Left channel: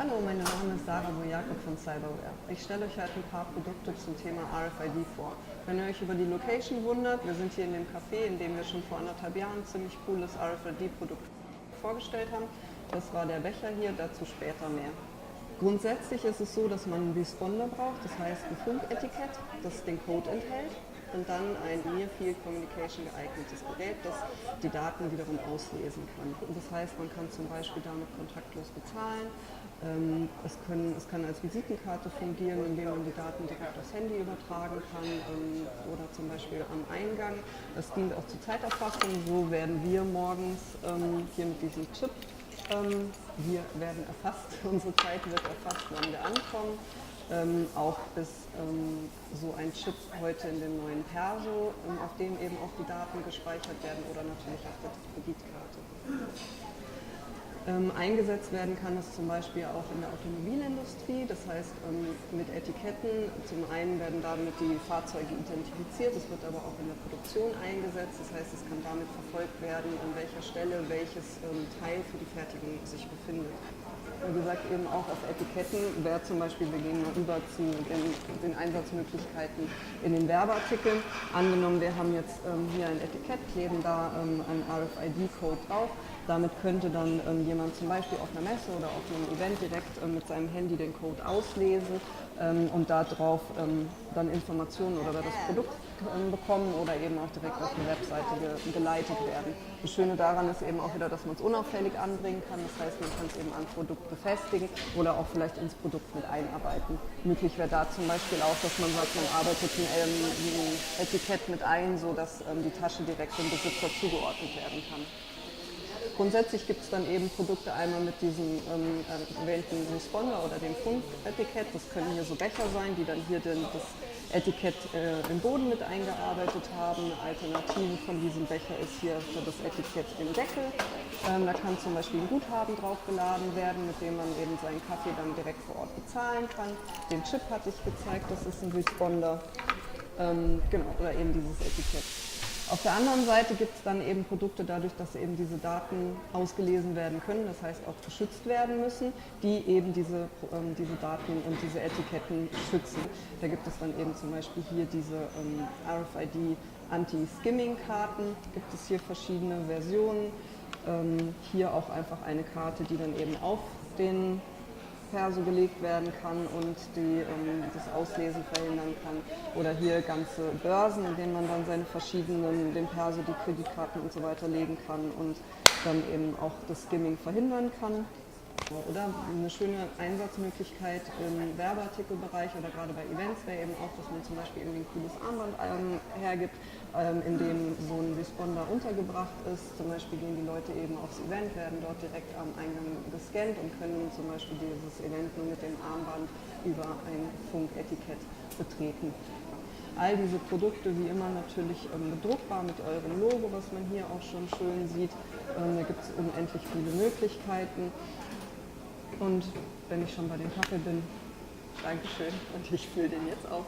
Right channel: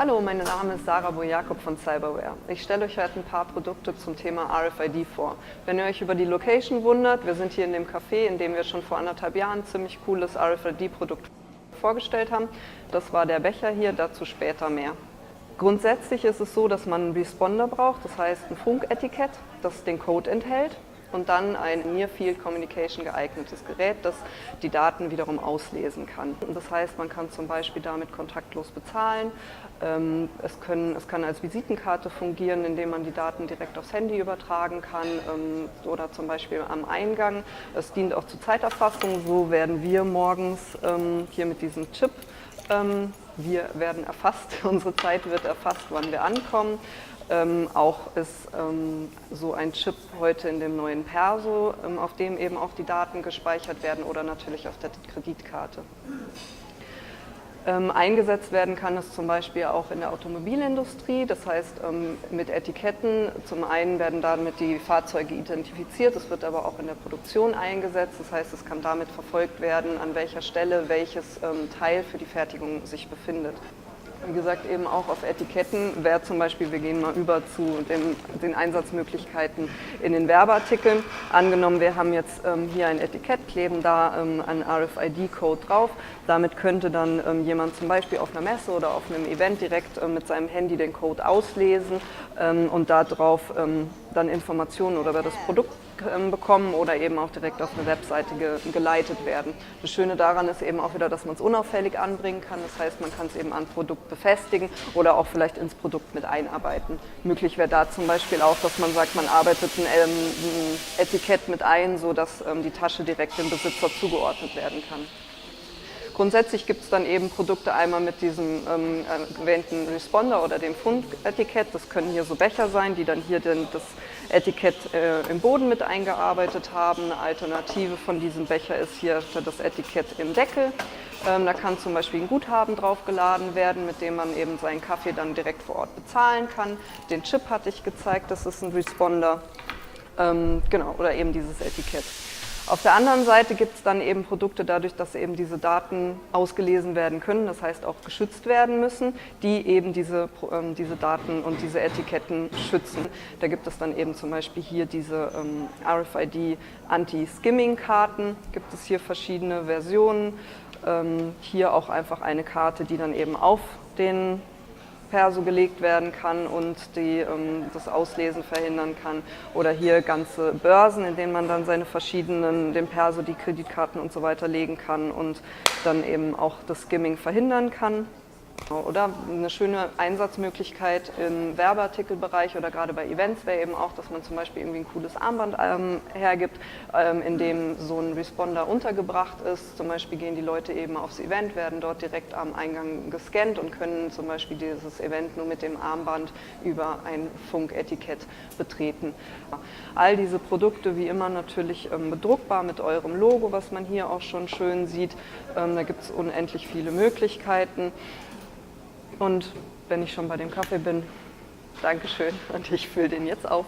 Hallo, mein Name ist Sarah Bojakob von Cyberware. Ich stelle euch heute ein paar Produkte zum Thema RFID vor. Wenn ihr euch über die Location wundert, wir sind hier in dem Café, in dem wir schon vor 1,5 Jahren ein ziemlich cooles RFID-Produkt vorgestellt haben. Das war der Becher hier, dazu später mehr. Grundsätzlich ist es so, dass man einen Responder braucht, das heißt ein Funketikett, das den Code enthält. Und dann ein Near Field Communication geeignetes Gerät, das die Daten wiederum auslesen kann. Und das heißt, man kann zum Beispiel damit kontaktlos bezahlen. Es kann als Visitenkarte fungieren, indem man die Daten direkt aufs Handy übertragen kann oder zum Beispiel am Eingang. Es dient auch zur Zeiterfassung. So werden wir morgens hier mit diesem Chip, wir werden erfasst, unsere Zeit wird erfasst, wann wir ankommen. Auch ist so ein Chip heute in dem neuen Perso, auf dem eben auch die Daten gespeichert werden oder natürlich auf der Kreditkarte. Eingesetzt werden kann es zum Beispiel auch in der Automobilindustrie, das heißt mit Etiketten. Zum einen werden damit die Fahrzeuge identifiziert, es wird aber auch in der Produktion eingesetzt, das heißt es kann damit verfolgt werden, an welcher Stelle welches Teil für die Fertigung sich befindet. Wie gesagt, eben auch auf Etiketten wäre zum Beispiel, wir gehen mal über zu den Einsatzmöglichkeiten in den Werbeartikeln. Angenommen, wir haben jetzt hier ein Etikett, kleben da einen RFID-Code drauf. Damit könnte dann jemand zum Beispiel auf einer Messe oder auf einem Event direkt mit seinem Handy den Code auslesen und darauf dann Informationen oder über das Produkt bekommen oder eben auch direkt auf eine Webseite geleitet werden. Das Schöne daran ist eben auch wieder, dass man es unauffällig anbringen kann. Das heißt, man kann es eben an Produkt befestigen oder auch vielleicht ins Produkt mit einarbeiten. Möglich wäre da zum Beispiel auch, dass man sagt, man arbeitet ein Etikett mit ein, sodass die Tasche direkt dem Besitzer zugeordnet werden kann. Grundsätzlich gibt es dann eben Produkte einmal mit diesem erwähnten Responder oder dem Funketikett. Das können hier so Becher sein, die dann hier das Etikett im Boden mit eingearbeitet haben. Eine Alternative von diesem Becher ist hier für das Etikett im Deckel. Da kann zum Beispiel ein Guthaben draufgeladen werden, mit dem man eben seinen Kaffee dann direkt vor Ort bezahlen kann. Den Chip hatte ich gezeigt, das ist ein Responder. Genau, oder eben dieses Etikett. Auf der anderen Seite gibt es dann eben Produkte dadurch, dass eben diese Daten ausgelesen werden können, das heißt auch geschützt werden müssen, die eben diese Daten und diese Etiketten schützen. Da gibt es dann eben zum Beispiel hier diese RFID Anti-Skimming-Karten, gibt es hier verschiedene Versionen. Hier auch einfach eine Karte, die dann eben auf den Perso gelegt werden kann und das Auslesen verhindern kann. Oder hier ganze Börsen, in denen man dann seine dem Perso die Kreditkarten und so weiter legen kann und dann eben auch das Skimming verhindern kann. Oder eine schöne Einsatzmöglichkeit im Werbeartikelbereich oder gerade bei Events wäre eben auch, dass man zum Beispiel irgendwie ein cooles Armband hergibt, in dem so ein Responder untergebracht ist. Zum Beispiel gehen die Leute eben aufs Event, werden dort direkt am Eingang gescannt und können zum Beispiel dieses Event nur mit dem Armband über ein Funketikett betreten. All diese Produkte wie immer natürlich bedruckbar mit eurem Logo, was man hier auch schon schön sieht. Da gibt es unendlich viele Möglichkeiten. Und wenn ich schon bei dem Kaffee bin, Dankeschön und ich fülle den jetzt auf.